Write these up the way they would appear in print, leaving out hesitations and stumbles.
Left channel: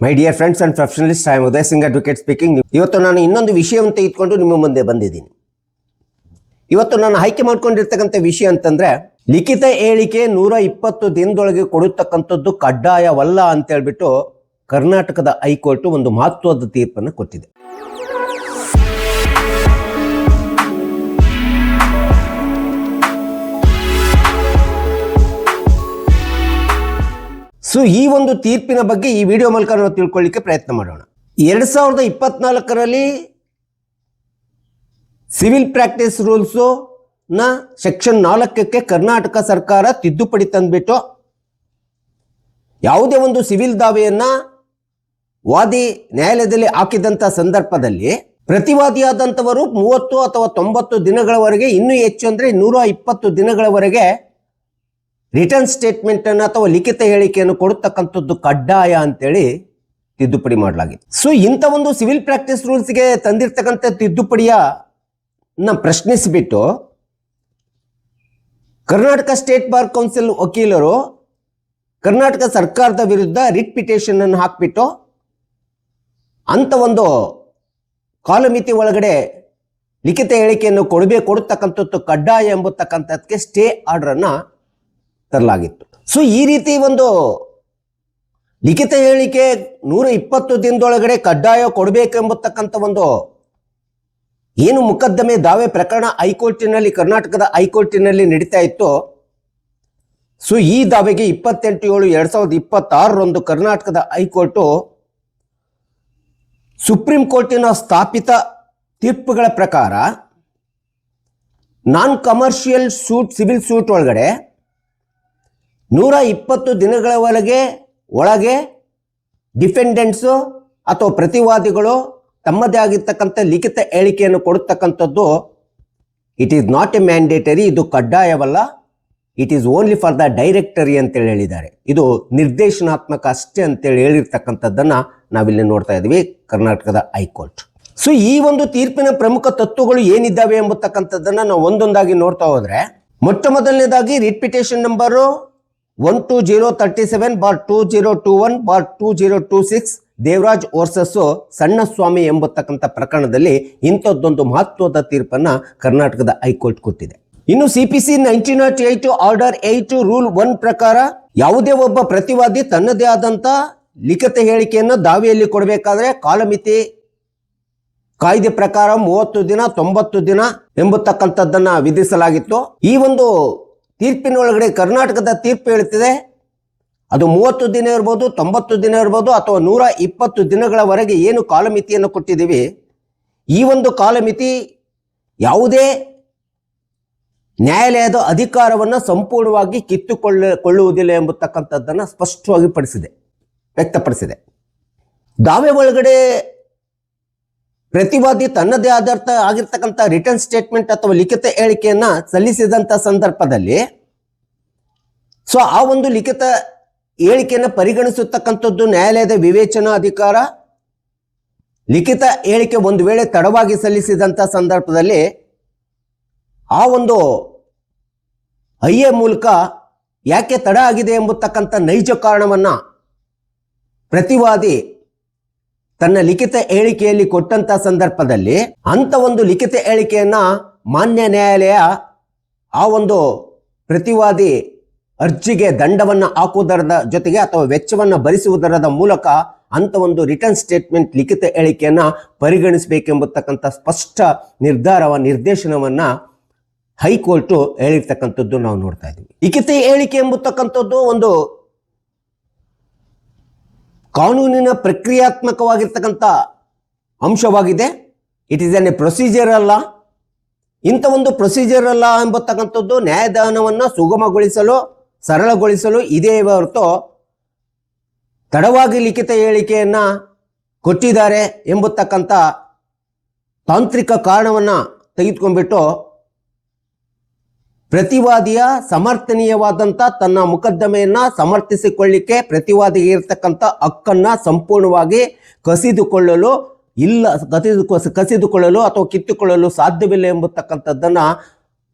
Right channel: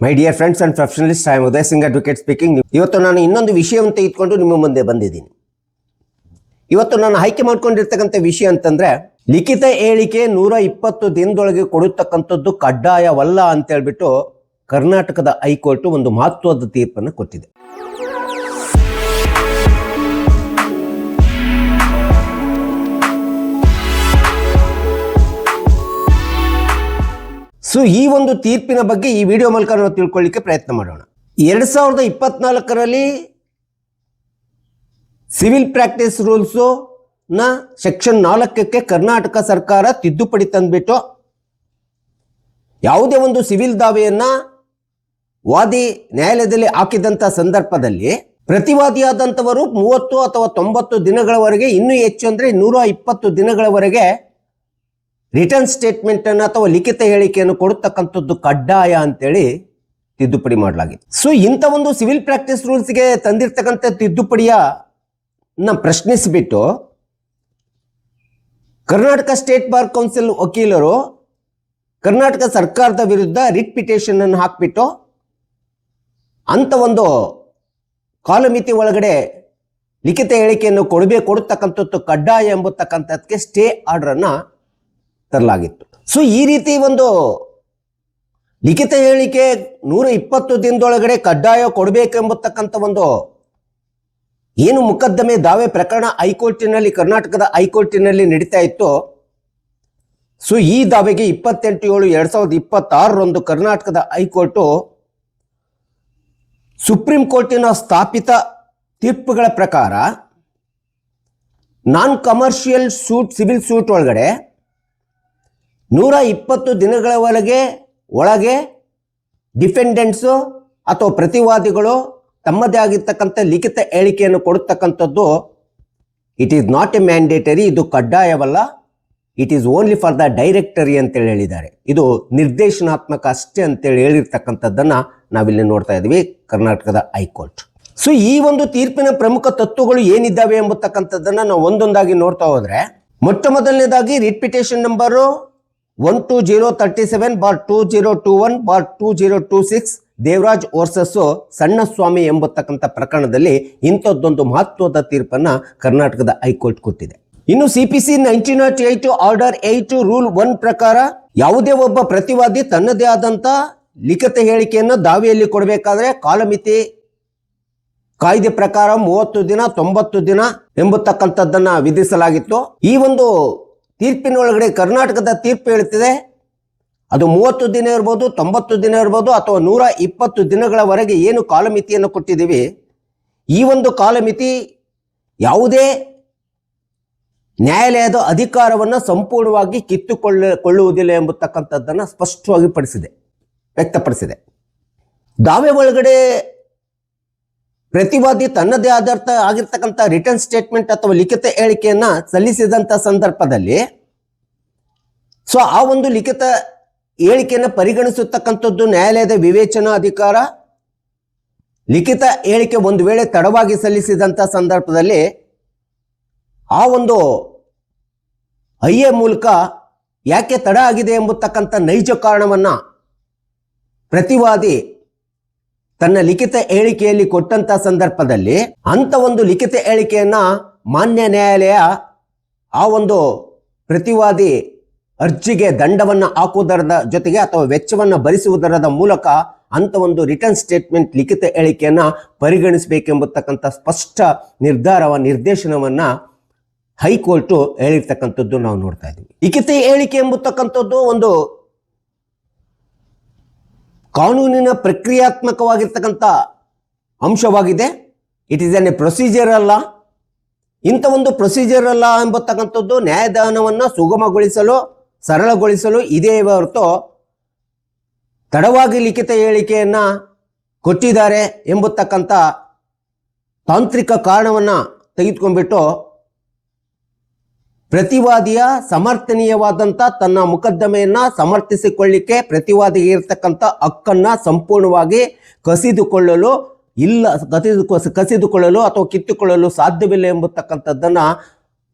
My dear friends and professionalist, I am Uday Singh advocate speaking. ಇವತ್ತು ನಾನು ಇನ್ನೊಂದು ವಿಷಯವನ್ನು ತೆಗೆದುಕೊಂಡು ನಿಮ್ಮ ಮುಂದೆ ಬಂದಿದ್ದೀನಿ. ಇವತ್ತು ನಾನು ಆಯ್ಕೆ ಮಾಡ್ಕೊಂಡಿರ್ತಕ್ಕಂಥ ವಿಷಯ ಅಂತಂದ್ರೆ, ಲಿಖಿತ ಹೇಳಿಕೆ 120 ದಿನದೊಳಗೆ ಕೊಡತಕ್ಕಂಥದ್ದು ಕಡ್ಡಾಯವಲ್ಲ ಅಂತ ಹೇಳ್ಬಿಟ್ಟು ಕರ್ನಾಟಕದ ಹೈಕೋರ್ಟ್ ಒಂದು ಮಹತ್ವದ ತೀರ್ಪನ್ನು ಕೊಟ್ಟಿದೆ. ಸೊ ಈ ಒಂದು ತೀರ್ಪಿನ ಬಗ್ಗೆ ಈ ವಿಡಿಯೋ ಮೂಲಕ ನಾವು ತಿಳ್ಕೊಳ್ಳಿಕ್ಕೆ ಪ್ರಯತ್ನ ಮಾಡೋಣ. 2024ರಲ್ಲಿ ಸಿವಿಲ್ ಪ್ರಾಕ್ಟೀಸ್ ರೂಲ್ಸ್ ನ ಸೆಕ್ಷನ್ 4ಕ್ಕೆ ಕರ್ನಾಟಕ ಸರ್ಕಾರ ತಿದ್ದುಪಡಿ ತಂದ್ಬಿಟ್ಟು ಯಾವುದೇ ಒಂದು ಸಿವಿಲ್ ದಾವೆಯನ್ನ ವಾದಿ ನ್ಯಾಯಾಲಯದಲ್ಲಿ ಹಾಕಿದಂತ ಸಂದರ್ಭದಲ್ಲಿ ಪ್ರತಿವಾದಿಯಾದಂಥವರು 30 ಅಥವಾ 90 ದಿನಗಳವರೆಗೆ, ಇನ್ನೂ ಹೆಚ್ಚು ಅಂದ್ರೆ 120 ದಿನಗಳವರೆಗೆ ರಿಟರ್ನ್ ಸ್ಟೇಟ್ಮೆಂಟ್ ಅನ್ನು ಅಥವಾ ಲಿಖಿತ ಹೇಳಿಕೆಯನ್ನು ಕೊಡತಕ್ಕಂಥದ್ದು ಕಡ್ಡಾಯ ಅಂತೇಳಿ ತಿದ್ದುಪಡಿ ಮಾಡಲಾಗಿದೆ. ಸೊ ಇಂಥ ಒಂದು ಸಿವಿಲ್ ಪ್ರಾಕ್ಟೀಸ್ ರೂಲ್ಸ್ಗೆ ತಂದಿರ್ತಕ್ಕಂಥ ತಿದ್ದುಪಡಿಯ ಪ್ರಶ್ನಿಸಿಬಿಟ್ಟು ಕರ್ನಾಟಕ ಸ್ಟೇಟ್ ಬಾರ್ ಕೌನ್ಸಿಲ್ ವಕೀಲರು ಕರ್ನಾಟಕ ಸರ್ಕಾರದ ವಿರುದ್ಧ ರಿಟ್ ಪಿಟಿಷನ್ ಅನ್ನು ಹಾಕ್ಬಿಟ್ಟು ಅಂತ ಒಂದು ಕಾಲಮಿತಿ ಒಳಗಡೆ ಲಿಖಿತ ಹೇಳಿಕೆಯನ್ನು ಕೊಡತಕ್ಕಂಥದ್ದು ಕಡ್ಡಾಯ ಎಂಬತಕ್ಕಂಥದ್ದಕ್ಕೆ ಸ್ಟೇ ಆರ್ಡರ್ ಅನ್ನ ತರಲಾಗಿತ್ತು. ಸೊ ಈ ರೀತಿ ಒಂದು ಲಿಖಿತ ಹೇಳಿಕೆ 120 ದಿನದೊಳಗಡೆ ಕಡ್ಡಾಯ ಕೊಡಬೇಕೆಂಬತಕ್ಕಂಥ ಒಂದು ಏನು ಮೊಕದ್ದಮೆ ದಾವೆ ಪ್ರಕರಣ ಹೈಕೋರ್ಟಿನಲ್ಲಿ, ಕರ್ನಾಟಕದ ಹೈಕೋರ್ಟಿನಲ್ಲಿ ನಡೀತಾ ಇತ್ತು. ಸೊ ಈ ದಾವೆಗೆ 28/7/2026 ಕರ್ನಾಟಕದ ಹೈಕೋರ್ಟ್ ಸುಪ್ರೀಂ ಕೋರ್ಟಿನ ಸ್ಥಾಪಿತ ತೀರ್ಪುಗಳ ಪ್ರಕಾರ ನಾನ್ ಕಮರ್ಷಿಯಲ್ ಸೂಟ್, ಸಿವಿಲ್ ಸೂಟ್ ಒಳಗಡೆ 120 ದಿನಗಳ ಒಳಗೆ ಡಿಫೆಂಡೆಂಟ್ಸು ಅಥವಾ ಪ್ರತಿವಾದಿಗಳು ತಮ್ಮದೇ ಆಗಿರ್ತಕ್ಕಂಥ ಲಿಖಿತ ಹೇಳಿಕೆಯನ್ನು ಕೊಡತಕ್ಕಂಥದ್ದು it is not a mandatory, ಇದು ಕಡ್ಡಾಯವಲ್ಲ, it is only for the directory ಅಂತೇಳಿ ಹೇಳಿದ್ದಾರೆ. ಇದು ನಿರ್ದೇಶನಾತ್ಮಕ ಅಷ್ಟೇ ಅಂತೇಳಿ ಹೇಳಿರ್ತಕ್ಕಂಥದ್ದನ್ನ ನಾವಿಲ್ಲಿ ನೋಡ್ತಾ ಇದ್ವಿ ಕರ್ನಾಟಕದ ಹೈಕೋರ್ಟ್. ಸೊ ಈ ಒಂದು ತೀರ್ಪಿನ ಪ್ರಮುಖ ತತ್ವಗಳು ಏನಿದ್ದಾವೆ ಎಂಬತಕ್ಕಂಥದ್ದನ್ನ ನಾವು ಒಂದೊಂದಾಗಿ ನೋಡ್ತಾ ಹೋದ್ರೆ, ಮೊಟ್ಟ ಮೊದಲನೇದಾಗಿ writ petition number 12037/2021/2026 Devaraj versus ಸಣ್ಣ ಸ್ವಾಮಿ ಎಂಬತಕ್ಕಂಥ ಪ್ರಕರಣದಲ್ಲಿ ಇಂಥದ್ದೊಂದು ಮಹತ್ವದ ತೀರ್ಪನ್ನ ಕರ್ನಾಟಕದ ಹೈಕೋರ್ಟ್ ಕೊಟ್ಟಿದೆ. ಇನ್ನು CPC 1908 ಆರ್ಡರ್ 8 ರೂಲ್ 1 ಪ್ರಕಾರ ಯಾವುದೇ ಒಬ್ಬ ಪ್ರತಿವಾದಿ ತನ್ನದೇ ಆದಂತ ಲಿಖಿತ ಹೇಳಿಕೆಯನ್ನು ದಾವೆಯಲ್ಲಿ ಕೊಡಬೇಕಾದ್ರೆ ಕಾಲಮಿತಿ ಕಾಯ್ದೆ ಪ್ರಕಾರ 30 ದಿನ, 90 ದಿನ ಎಂಬತಕ್ಕಂಥದ್ದನ್ನ ವಿಧಿಸಲಾಗಿತ್ತು. ಈ ಒಂದು ತೀರ್ಪಿನೊಳಗಡೆ ಕರ್ನಾಟಕದ ತೀರ್ಪು ಹೇಳುತ್ತಿದೆ ಅದು 30 ದಿನ ಇರ್ಬೋದು, 90 ದಿನ ಇರ್ಬೋದು, ಅಥವಾ 120 ದಿನಗಳವರೆಗೆ ಏನು ಕಾಲಮಿತಿಯನ್ನು ಕೊಟ್ಟಿದ್ದೀವಿ, ಈ ಒಂದು ಕಾಲಮಿತಿ ಯಾವುದೇ ನ್ಯಾಯಾಲಯದ ಅಧಿಕಾರವನ್ನು ಸಂಪೂರ್ಣವಾಗಿ ಕಿತ್ತುಕೊಳ್ಳುವುದಿಲ್ಲ ಎಂಬತಕ್ಕಂಥದ್ದನ್ನು ಸ್ಪಷ್ಟವಾಗಿ ವ್ಯಕ್ತಪಡಿಸಿದೆ. ದಾವೆ ಒಳಗಡೆ ಪ್ರತಿವಾದಿ ತನ್ನದೇ ಆಗಿರ್ತಕ್ಕಂಥ ರಿಟರ್ನ್ ಸ್ಟೇಟ್ಮೆಂಟ್ ಅಥವಾ ಲಿಖಿತ ಹೇಳಿಕೆಯನ್ನ ಸಲ್ಲಿಸಿದಂತ ಸಂದರ್ಭದಲ್ಲಿ ಸೊ ಆ ಒಂದು ಲಿಖಿತ ಹೇಳಿಕೆಯನ್ನು ಪರಿಗಣಿಸತಕ್ಕಂಥದ್ದು ನ್ಯಾಯಾಲಯದ ವಿವೇಚನಾ ಅಧಿಕಾರ. ಲಿಖಿತ ಹೇಳಿಕೆ ಒಂದು ವೇಳೆ ತಡವಾಗಿ ಸಲ್ಲಿಸಿದಂತ ಸಂದರ್ಭದಲ್ಲಿ ಆ ಒಂದು ಐಎ ಮೂಲಕ ಯಾಕೆ ತಡ ಆಗಿದೆ ಎಂಬತಕ್ಕಂಥ ನೈಜ ಕಾರಣವನ್ನ ಪ್ರತಿವಾದಿ ತನ್ನ ಲಿಖಿತ ಹೇಳಿಕೆಯಲ್ಲಿ ಕೊಟ್ಟಂತ ಸಂದರ್ಭದಲ್ಲಿ ಅಂತ ಒಂದು ಲಿಖಿತ ಹೇಳಿಕೆಯನ್ನ ಮಾನ್ಯ ನ್ಯಾಯಾಲಯ ಆ ಒಂದು ಪ್ರತಿವಾದಿ ಅರ್ಜಿಗೆ ದಂಡವನ್ನ ಹಾಕುವುದರದ ಜೊತೆಗೆ ಅಥವಾ ವೆಚ್ಚವನ್ನ ಭರಿಸುವುದರದ ಮೂಲಕ ಅಂತ ಒಂದು ರಿಟರ್ನ್ ಸ್ಟೇಟ್ಮೆಂಟ್ ಲಿಖಿತ ಹೇಳಿಕೆಯನ್ನ ಪರಿಗಣಿಸಬೇಕೆಂಬತಕ್ಕಂಥ ಸ್ಪಷ್ಟ ನಿರ್ದೇಶನವನ್ನ ಹೈಕೋರ್ಟ್ ಹೇಳಿರ್ತಕ್ಕಂಥದ್ದು ನಾವು ನೋಡ್ತಾ ಇದ್ದೀವಿ. ಲಿಖಿತ ಹೇಳಿಕೆ ಎಂಬತಕ್ಕಂಥದ್ದು ಒಂದು ಕಾನೂನಿನ ಪ್ರಕ್ರಿಯಾತ್ಮಕವಾಗಿರ್ತಕ್ಕಂಥ ಅಂಶವಾಗಿದೆ. It is N A procedure ಅಲ್ಲ. ಇಂಥ ಒಂದು ಪ್ರೊಸೀಜರ್ ಅಲ್ಲ ಎಂಬತಕ್ಕಂಥದ್ದು ನ್ಯಾಯದಾನವನ್ನ ಸುಗಮಗೊಳಿಸಲು, ಸರಳಗೊಳಿಸಲು ಇದೇ ಹೊರತು ತಡವಾಗಿ ಲಿಖಿತ ಹೇಳಿಕೆಯನ್ನ ಕೊಟ್ಟಿದ್ದಾರೆ ಎಂಬತಕ್ಕಂಥ ತಾಂತ್ರಿಕ ಕಾರಣವನ್ನ ತೆಗೆದುಕೊಂಡ್ಬಿಟ್ಟು ಪ್ರತಿವಾದಿಯ ಸಮರ್ಥನೀಯವಾದಂತ ತನ್ನ ಮೊಕದ್ದಮೆಯನ್ನ ಸಮರ್ಥಿಸಿಕೊಳ್ಳಿಕ್ಕೆ ಪ್ರತಿವಾದಿಗೆ ಇರತಕ್ಕಂಥ ಹಕ್ಕನ್ನ ಸಂಪೂರ್ಣವಾಗಿ ಕಸಿದುಕೊಳ್ಳಲು ಅಥವಾ ಕಿತ್ತುಕೊಳ್ಳಲು ಸಾಧ್ಯವಿಲ್ಲ ಎಂಬತಕ್ಕಂಥದ್ದನ್ನ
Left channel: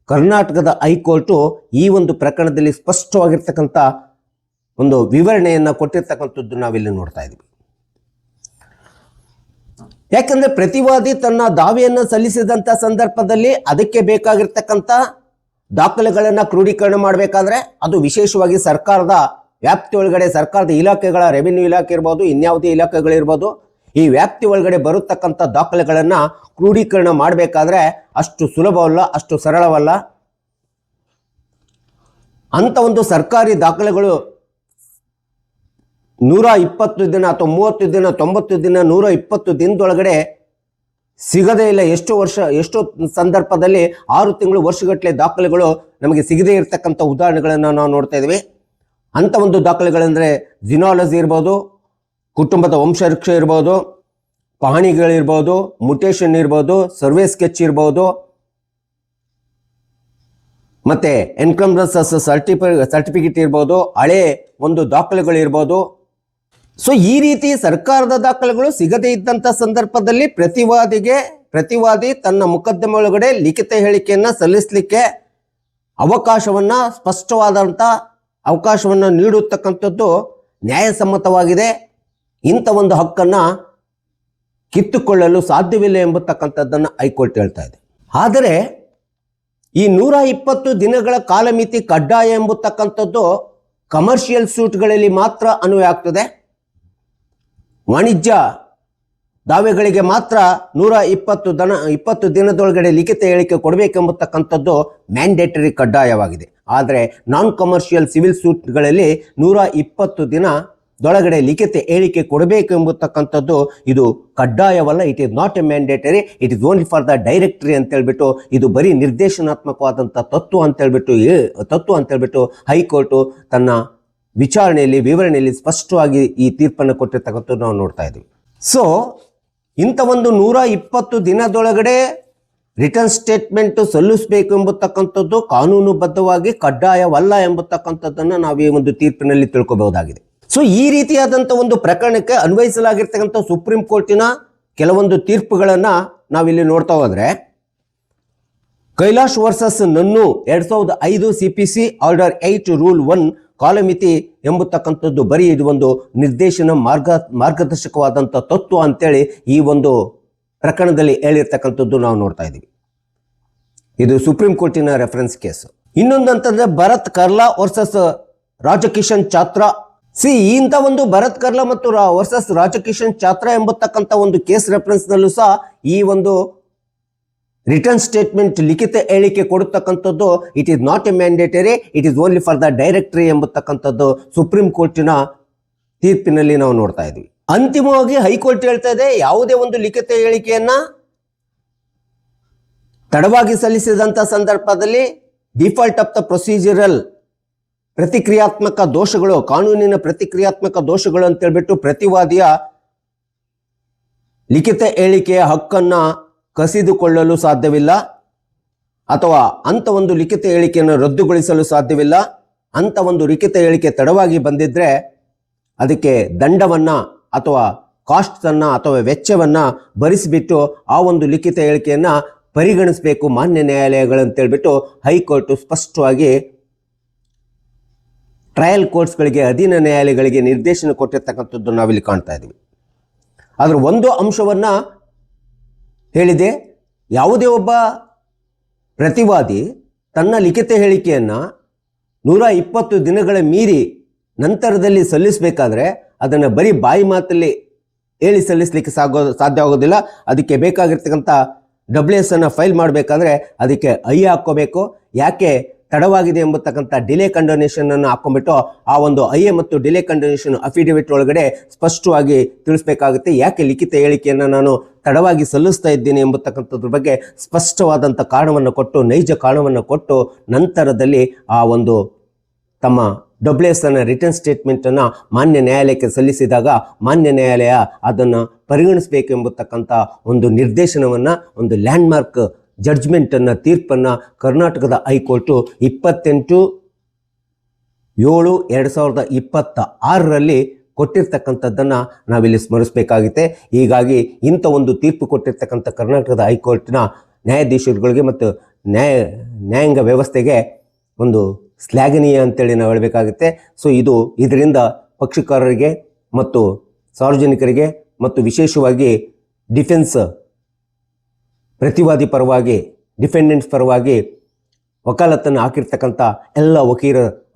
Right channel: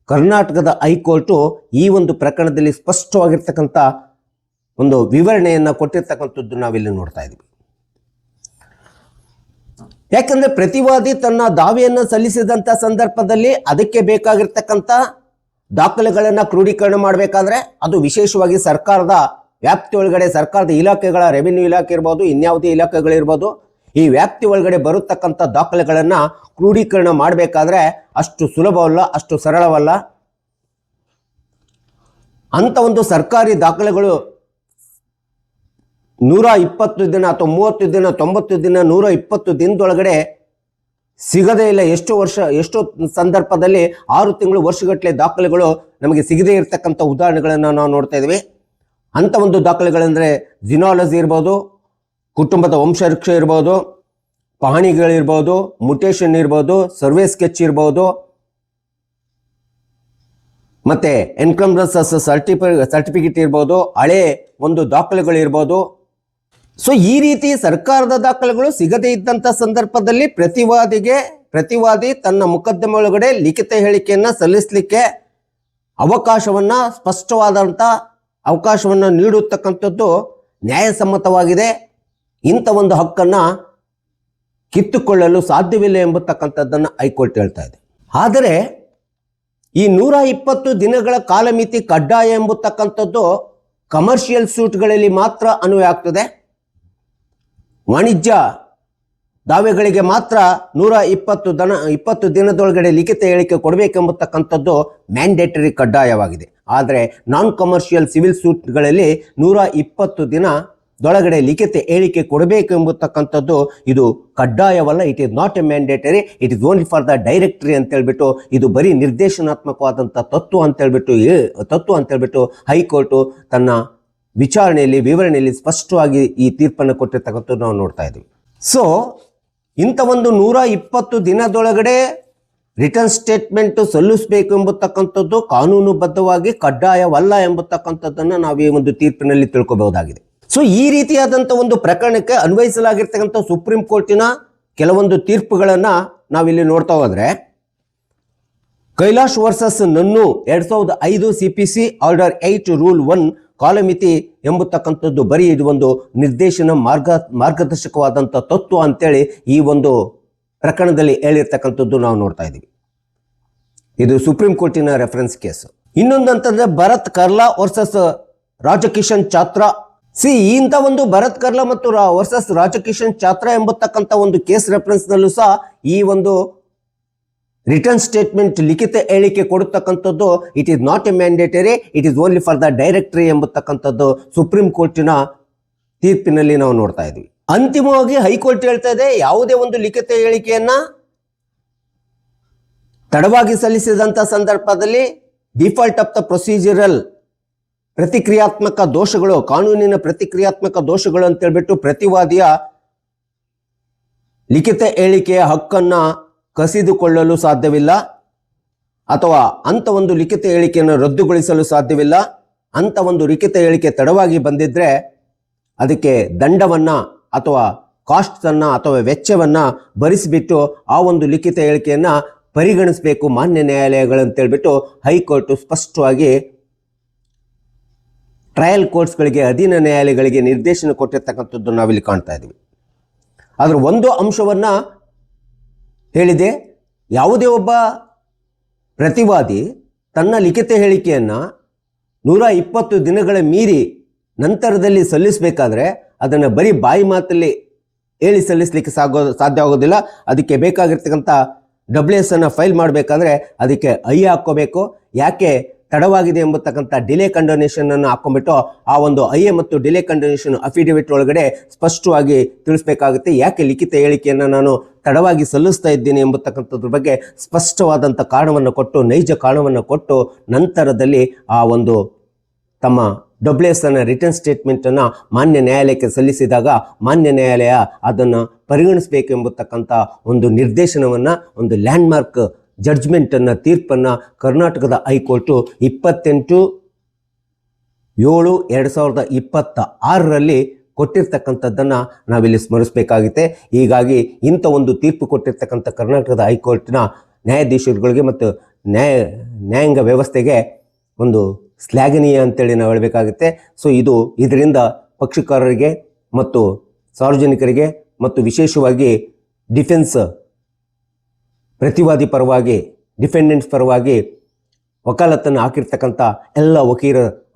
ಕರ್ನಾಟಕದ ಹೈಕೋರ್ಟ್ ಈ ಒಂದು ಪ್ರಕರಣದಲ್ಲಿ ಸ್ಪಷ್ಟವಾಗಿರ್ತಕ್ಕಂಥ ಒಂದು ವಿವರಣೆಯನ್ನ ಕೊಟ್ಟಿರ್ತಕ್ಕಂಥದ್ದು ನಾವಿಲ್ಲಿ ನೋಡ್ತಾ ಇದ್ದೀವಿ. ಯಾಕಂದ್ರೆ ಪ್ರತಿವಾದಿ ತನ್ನ ದಾವೆಯನ್ನ ಸಲ್ಲಿಸಿದಂತ ಸಂದರ್ಭದಲ್ಲಿ ಅದಕ್ಕೆ ಬೇಕಾಗಿರ್ತಕ್ಕಂಥ ದಾಖಲೆಗಳನ್ನ ಕ್ರೋಢೀಕರಣ ಮಾಡಬೇಕಾದ್ರೆ ಅದು ವಿಶೇಷವಾಗಿ ಸರ್ಕಾರದ ವ್ಯಾಪ್ತಿ ಒಳಗಡೆ ಸರ್ಕಾರದ ಇಲಾಖೆಗಳ ರೆವಿನ್ಯೂ ಇಲಾಖೆ ಇರ್ಬೋದು, ಇನ್ಯಾವುದೇ ಇಲಾಖೆಗಳಿರ್ಬೋದು, ಈ ವ್ಯಾಪ್ತಿ ಒಳಗಡೆ ಬರತಕ್ಕಂಥ ದಾಖಲೆಗಳನ್ನ ಕ್ರೋಢೀಕರಣ ಮಾಡಬೇಕಾದ್ರೆ ಅಷ್ಟು ಸುಲಭವಲ್ಲ, ಅಷ್ಟು ಸರಳವಲ್ಲ. ಅಂತ ಒಂದು ಸರ್ಕಾರಿ ದಾಖಲೆಗಳು 120 ದಿನ ಅಥವಾ 30 ದಿನ 90 ದಿನ 120 ದಿನದೊಳಗಡೆ ಸಿಗದೇ ಇಲ್ಲ. ಎಷ್ಟೋ ಸಂದರ್ಭದಲ್ಲಿ 6 ತಿಂಗಳು ವರ್ಷಗಟ್ಟಲೆ ದಾಖಲೆಗಳು ನಮಗೆ ಸಿಗದೇ ಇರತಕ್ಕಂಥ ಉದಾಹರಣೆಗಳನ್ನು ನಾವು ನೋಡ್ತಾ ಇದ್ದೀವಿ. ಅಂತ ಒಂದು ದಾಖಲೆಗಳಂದ್ರೆ ಜಿನಾಲಜಿ ಇರ್ಬೋದು, ಕುಟುಂಬದ ವಂಶವೃಕ್ಷ ಇರ್ಬೋದು, ಪಹಣಿಗಳಿರ್ಬೋದು, ಮುಟೇಶನ್ ಇರ್ಬೋದು, ಸರ್ವೆ ಸ್ಕೆಚ್ ಇರ್ಬೋದು, ಮತ್ತೆ ಎನ್ಕಂಬ್ರೆನ್ಸ್ ಸರ್ಟಿಫಿಕೇಟ್ ಇರ್ಬೋದು, ಹಳೆ ಒಂದು ದಾಖಲೆಗಳು ಇರ್ಬೋದು. ಸೊ ಈ ರೀತಿ ಸರ್ಕಾರದ ದಾಖಲೆಗಳು ಸಿಗದೇ ಇದ್ದಂತ ಸಂದರ್ಭದಲ್ಲಿ ಪ್ರತಿವಾದಿ ತನ್ನ ಮೊಕದ್ದಮೆ ಒಳಗಡೆ ಲಿಖಿತ ಹೇಳಿಕೆಯನ್ನ ಸಲ್ಲಿಸಲಿಕ್ಕೆ ಸ್ಪಷ್ಟವಾದಂತ ಅವಕಾಶವನ್ನ ನೀಡುತ್ತಕ್ಕಂಥದ್ದು ನ್ಯಾಯಸಮ್ಮತವಾಗಿದೆ. ಇಂಥ ಒಂದು ಹಕ್ಕನ್ನ ಕಿತ್ತುಕೊಳ್ಳಲು ಸಾಧ್ಯವಿಲ್ಲ ಎಂಬತಕ್ಕಂಥದ್ದನ್ನ ಹೈಕೋರ್ಟ್ ಹೇಳ್ತಾ ಇದೆ. ಆದರೆ ಈ 120 ದಿನಗಳ ಕಾಲಮಿತಿ ಕಡ್ಡಾಯ ಎಂಬತಕ್ಕಂಥದ್ದು ಕಮರ್ಷಿಯಲ್ ಸೂಟ್ಗಳಲ್ಲಿ ಮಾತ್ರ ಅನ್ವಯ ಆಗ್ತದೆ. ವಾಣಿಜ್ಯ ದಾವೆಗಳಿಗೆ ಮಾತ್ರ 120 ದಿನದೊಳಗಡೆ ಲಿಖಿತ ಹೇಳಿಕೆ ಕೊಡಬೇಕೆಂಬತಕ್ಕಂಥದ್ದು ಮ್ಯಾಂಡೇಟರಿ ಕಡ್ಡಾಯವಾಗಿದೆ. ಆದರೆ ನಾನ್ ಕಮರ್ಷಿಯಲ್ ಸಿವಿಲ್ ಸೂಟ್ಗಳಲ್ಲಿ 120 ದಿನದೊಳಗಡೆ ಲಿಖಿತ ಹೇಳಿಕೆ ಕೊಡಬೇಕೆಂಬತಕ್ಕಂಥದ್ದು ಇದು ಕಡ್ಡಾಯವಲ್ಲ. It is not a mandatory, it is only for the directory ಅಂತ ಹೇಳ್ಬಿಟ್ಟು, ಇದು ಬರೀ ನಿರ್ದೇಶನಾತ್ಮಕವಾದಂಥ ತತ್ವ ಅಂತ ಹೇಳ್ಬಿಟ್ಟು ಹೈಕೋರ್ಟ್ ತನ್ನ ವಿವರಣೆಯಲ್ಲಿ ಸ್ಪಷ್ಟವಾಗಿ ಈ ತೀರ್ಪನ್ನು ಕೊಟ್ಟಿರ್ತಕ್ಕಂಥದ್ದು ನಾವು ನೋಡ್ತಾ ಇದ್ದೀವಿ. ಸೊ ಇಂಥ ಒಂದು 120 ದಿನದೊಳಗಡೆ ರಿಟರ್ನ್ ಸ್ಟೇಟ್ಮೆಂಟ್ ಸಲ್ಲಿಸಬೇಕು ಎಂಬತಕ್ಕಂಥದ್ದು ಕಾನೂನುಬದ್ಧವಾಗಿ ಕಡ್ಡಾಯವಲ್ಲ ಎಂಬತಕ್ಕಂಥದ್ದನ್ನು ನಾವು ಈ ಒಂದು ತೀರ್ಪಿನಲ್ಲಿ ತಿಳ್ಕೋಬಹುದಾಗಿದೆ. ಸೊ ಈ ರೀತಿಯಾದಂಥ ಒಂದು ಪ್ರಕರಣಕ್ಕೆ ಅನ್ವಯಿಸಲಾಗಿರ್ತಕ್ಕಂಥ ಸುಪ್ರೀಂ ಕೋರ್ಟಿನ ಕೆಲವೊಂದು ತೀರ್ಪುಗಳನ್ನ ನಾವಿಲ್ಲಿ ನೋಡ್ತಾ ಹೋದ್ರೆ, ಕೈಲಾಶ್ ವರ್ಸಸ್ ನನ್ನು 2005 CPC ಆರ್ಡರ್ 8 ರೂಲ್ 1 ಕಾಲಮಿತಿ ಎಂಬತಕ್ಕಂಥದ್ದು ಬರೀ ಇದು ಒಂದು ಮಾರ್ಗದರ್ಶಕವಾದಂಥ ತತ್ವ ಅಂತೇಳಿ ಈ ಒಂದು ಪ್ರಕರಣದಲ್ಲಿ ಹೇಳಿರ್ತಕ್ಕಂಥದ್ದು ನಾವು ನೋಡ್ತಾ ಇದ್ದೀವಿ. ಇದು ಸುಪ್ರೀಂ ಕೋರ್ಟಿನ ರೆಫರೆನ್ಸ್ ಕೇಸ್. ಇನ್ನೊಂದಂತಂದ್ರೆ ಭರತ್ ಕರ್ಲಾ ವರ್ಸಸ್ ರಾಜಕಿಶನ್ ಚಾತ್ರಾ. ಇಂಥ ಒಂದು ಭರತ್ ಕರ್ಲಾ ಮತ್ತು ವರ್ಸಸ್ ರಾಜಕಿಶನ್ ಚಾತ್ರಾ ಎಂಬತಕ್ಕಂಥ ಒಂದು ಕೇಸ್ ರೆಫರೆನ್ಸ್ ನಲ್ಲಿ ಸಹ ಈ ಒಂದು ರಿಟರ್ನ್ ಸ್ಟೇಟ್ಮೆಂಟ್ ಲಿಖಿತ ಹೇಳಿಕೆ ಕೊಡತಕ್ಕಂಥದ್ದು it is not a mandatory, it is only for the directory ಎಂಬತಕ್ಕಂಥದ್ದು ಸುಪ್ರೀಂ ಕೋರ್ಟಿನ ತೀರ್ಪಿನಲ್ಲಿ ನಾವು ನೋಡ್ತಾ ಇದ್ವಿ. ಅಂತಿಮವಾಗಿ ಹೈಕೋರ್ಟ್ ಹೇಳ್ತಾ ಇದೆ, ಯಾವುದೇ ಒಂದು ಲಿಖಿತ ಹೇಳಿಕೆಯನ್ನ ತಡವಾಗಿ ಸಲ್ಲಿಸಿದಂತ ಸಂದರ್ಭದಲ್ಲಿ ಡಿಫಾಲ್ಟ್ ಆಫ್ ದ ಪ್ರೊಸೀಜರಲ್ ಪ್ರತಿಕ್ರಿಯಾತ್ಮಕ ದೋಷಗಳು, ಕಾನೂನಿನ ಪ್ರತಿಕ್ರಿಯಾತ್ಮಕ ದೋಷಗಳು ಅಂತ ಹೇಳ್ಬಿಟ್ಟು ಪ್ರತಿವಾದಿಯ ಲಿಖಿತ ಹೇಳಿಕೆಯ ಹಕ್ಕನ್ನ ಕಸಿದುಕೊಳ್ಳಲು ಸಾಧ್ಯವಿಲ್ಲ, ಅಥವಾ ಅಂತ ಒಂದು ಲಿಖಿತ ಹೇಳಿಕೆಯನ್ನು ರದ್ದುಗೊಳಿಸಲು ಸಾಧ್ಯವಿಲ್ಲ. ಅಂತ ಒಂದು ಲಿಖಿತ ಹೇಳಿಕೆ ತಡವಾಗಿ ಬಂದಿದ್ರೆ ಅದಕ್ಕೆ ದಂಡವನ್ನ ಅಥವಾ ಕಾಸ್ಟ್ ಅನ್ನ ಅಥವಾ ವೆಚ್ಚವನ್ನ ಭರಿಸಿಬಿಟ್ಟು ಆ ಒಂದು ಲಿಖಿತ ಹೇಳಿಕೆಯನ್ನ ಪರಿಗಣಿಸಬೇಕು ಮಾನ್ಯ ನ್ಯಾಯಾಲಯಗಳಂತ ಹೇಳ್ಬಿಟ್ಟು ಹೈಕೋರ್ಟ್ ಸ್ಪಷ್ಟವಾಗಿ ಟ್ರಯಲ್ ಕೋರ್ಟ್ಸ್ಗಳಿಗೆ, ಅಧೀನ ನ್ಯಾಯಾಲಯಗಳಿಗೆ ನಿರ್ದೇಶನ ಕೊಟ್ಟಿರ್ತಕ್ಕಂಥದ್ದು ನಾವಿಲ್ಲಿ ಕಾಣ್ತಾ ಇದ್ದೀವಿ. ಆದ್ರೆ ಒಂದು ಅಂಶವನ್ನ ಹೇಳಿದೆ, ಯಾವುದೇ ಒಬ್ಬ ಪ್ರತಿವಾದಿ ತನ್ನ ಲಿಖಿತ ಹೇಳಿಕೆಯನ್ನ 120 ದಿನಗಳ ಮೀರಿ ನಂತರದಲ್ಲಿ ಸಲ್ಲಿಸಬೇಕಾದ್ರೆ ಅದನ್ನು ಬರೀ ಬಾಯಿ ಮಾತಲ್ಲಿ ಹೇಳಿ ಸಲ್ಲಿಸಲಿಕ್ಕೆ ಸಾಧ್ಯ ಆಗೋದಿಲ್ಲ. ಅದಕ್ಕೆ ಬೇಕಾಗಿರ್ತಕ್ಕಂಥ WS ಅನ್ನ ಫೈಲ್ ಮಾಡಬೇಕಾದ್ರೆ ಅದಕ್ಕೆ ಹಾಕೋಬೇಕು. ಯಾಕೆ ತಡವಾಗಿದೆ ಎಂಬತಕ್ಕಂಥ ಡಿಲೇ ಕಂಡೋನೇಷನ್ ಅನ್ನು ಹಾಕೊಂಡ್ಬಿಟ್ಟು ಆ ಒಂದು ಮತ್ತು ಡಿಲೇ ಕಂಡೋನೇಷನ್ ಅಫಿಡವಿಟ್ ಒಳಗಡೆ ಸ್ಪಷ್ಟವಾಗಿ ತಿಳಿಸ್ಬೇಕಾಗುತ್ತೆ. ಯಾಕೆ ಲಿಖಿತ ಹೇಳಿಕೆಯನ್ನು ನಾನು ತಡವಾಗಿ ಸಲ್ಲಿಸ್ತಾ ಇದ್ದೀನಿ ಎಂಬತಕ್ಕಂಥದ್ರ ಬಗ್ಗೆ ಸ್ಪಷ್ಟವಾದಂಥ ಕಾರಣವನ್ನು ಕೊಟ್ಟು, ನೈಜ ಕಾರಣವನ್ನು ಕೊಟ್ಟು ನಂತರದಲ್ಲಿ ಆ ಒಂದು ತಮ್ಮ WS ಅನ್ನ ರಿಟರ್ನ್ ಸ್ಟೇಟ್ಮೆಂಟ್ ಅನ್ನ ಮಾನ್ಯ ನ್ಯಾಯಾಲಯಕ್ಕೆ ಸಲ್ಲಿಸಿದಾಗ ಮಾನ್ಯ ನ್ಯಾಯಾಲಯ ಅದನ್ನು ಪರಿಗಣಿಸಬೇಕು ಎಂಬತಕ್ಕಂಥ ಒಂದು ನಿರ್ದೇಶನವನ್ನ, ಒಂದು ಲ್ಯಾಂಡ್ ಮಾರ್ಕ್ ಜಡ್ಜ್ಮೆಂಟ್ ಅನ್ನ, ತೀರ್ಪನ್ನ ಕರ್ನಾಟಕದ ಹೈಕೋರ್ಟು 28/7/2026 ಕೊಟ್ಟಿರ್ತಕ್ಕಂಥದ್ದನ್ನ ನಾವಿಲ್ಲಿ ಸ್ಮರಿಸಬೇಕಾಗುತ್ತೆ. ಹೀಗಾಗಿ ಇಂಥ ಒಂದು ತೀರ್ಪು ಕೊಟ್ಟಿರ್ತಕ್ಕಂಥ ಕರ್ನಾಟಕದ ಹೈಕೋರ್ಟ್ನ ನ್ಯಾಯಾಧೀಶರುಗಳಿಗೆ ಮತ್ತು ನ್ಯಾಯಾಂಗ ವ್ಯವಸ್ಥೆಗೆ ಒಂದು ಶ್ಲಾಘನೀಯ ಅಂತೇಳಿ ನಾವು ಹೇಳಬೇಕಾಗುತ್ತೆ. ಸೊ ಇದರಿಂದ ಪಕ್ಷಕಾರರಿಗೆ ಮತ್ತು ಸಾರ್ವಜನಿಕರಿಗೆ ಮತ್ತು ವಿಶೇಷವಾಗಿ ಡಿಫೆನ್ಸ್ ಪ್ರತಿವಾದಿ ಪರವಾಗಿ ಡಿಫೆಂಡೆಂಟ್ಸ್ ಪರವಾಗಿ ವಕಾಲತ್ತನ್ನು ಹಾಕಿರ್ತಕ್ಕಂಥ ಎಲ್ಲ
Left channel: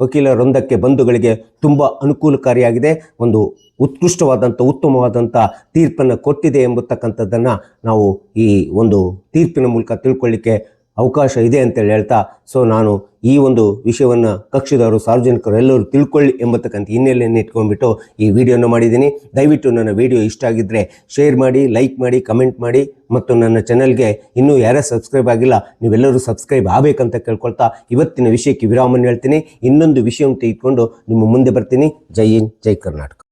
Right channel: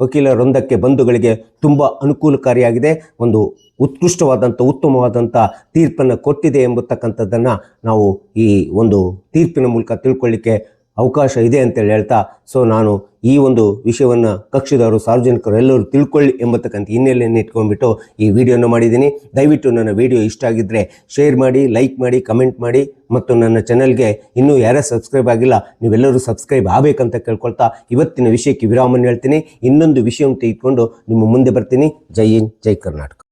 ವಕೀಲ ವೃಂದಕ್ಕೆ ಬಂಧುಗಳಿಗೆ ತುಂಬ ಅನುಕೂಲಕಾರಿಯಾಗಿದೆ. ಒಂದು ಉತ್ಕೃಷ್ಟವಾದಂಥ ಉತ್ತಮವಾದಂಥ ತೀರ್ಪನ್ನು ಕೊಟ್ಟಿದೆ ಎಂಬತಕ್ಕಂಥದ್ದನ್ನು ನಾವು ಈ ಒಂದು ತೀರ್ಪಿನ ಮೂಲಕ ತಿಳ್ಕೊಳ್ಳಿಕ್ಕೆ ಅವಕಾಶ ಇದೆ ಅಂತೇಳಿ ಹೇಳ್ತಾ, ಸೊ ನಾನು ಈ ಒಂದು ವಿಷಯವನ್ನು ಕಕ್ಷಿದವರು ಸಾರ್ವಜನಿಕರು ಎಲ್ಲರೂ ತಿಳ್ಕೊಳ್ಳಿ ಎಂಬತಕ್ಕಂಥ ಹಿನ್ನೆಲೆಯನ್ನು ಇಟ್ಕೊಂಡ್ಬಿಟ್ಟು ಈ ವಿಡಿಯೋನ ಮಾಡಿದ್ದೀನಿ. ದಯವಿಟ್ಟು ನನ್ನ ವಿಡಿಯೋ ಇಷ್ಟ ಆಗಿದ್ದರೆ ಶೇರ್ ಮಾಡಿ, ಲೈಕ್ ಮಾಡಿ, ಕಮೆಂಟ್ ಮಾಡಿ ಮತ್ತು ನನ್ನ ಚಾನಲ್ಗೆ ಇನ್ನೂ ಯಾರೇ ಸಬ್ಸ್ಕ್ರೈಬ್ ಆಗಿಲ್ಲ ನೀವೆಲ್ಲರೂ ಸಬ್ಸ್ಕ್ರೈಬ್ ಆಗಬೇಕಂತ ಕೇಳ್ಕೊಳ್ತಾ ಇವತ್ತಿನ ವಿಷಯಕ್ಕೆ ವಿರಾಮವನ್ನು ಹೇಳ್ತೀನಿ. ಇನ್ನೊಂದು ವಿಷಯವನ್ನು ತೆಗೆದುಕೊಂಡು ನಿಮ್ಮ ಮುಂದೆ ಬರ್ತೀನಿ. ಜೈ ಹಿಂದ್, ಜೈ ಕರ್ನಾಟಕ.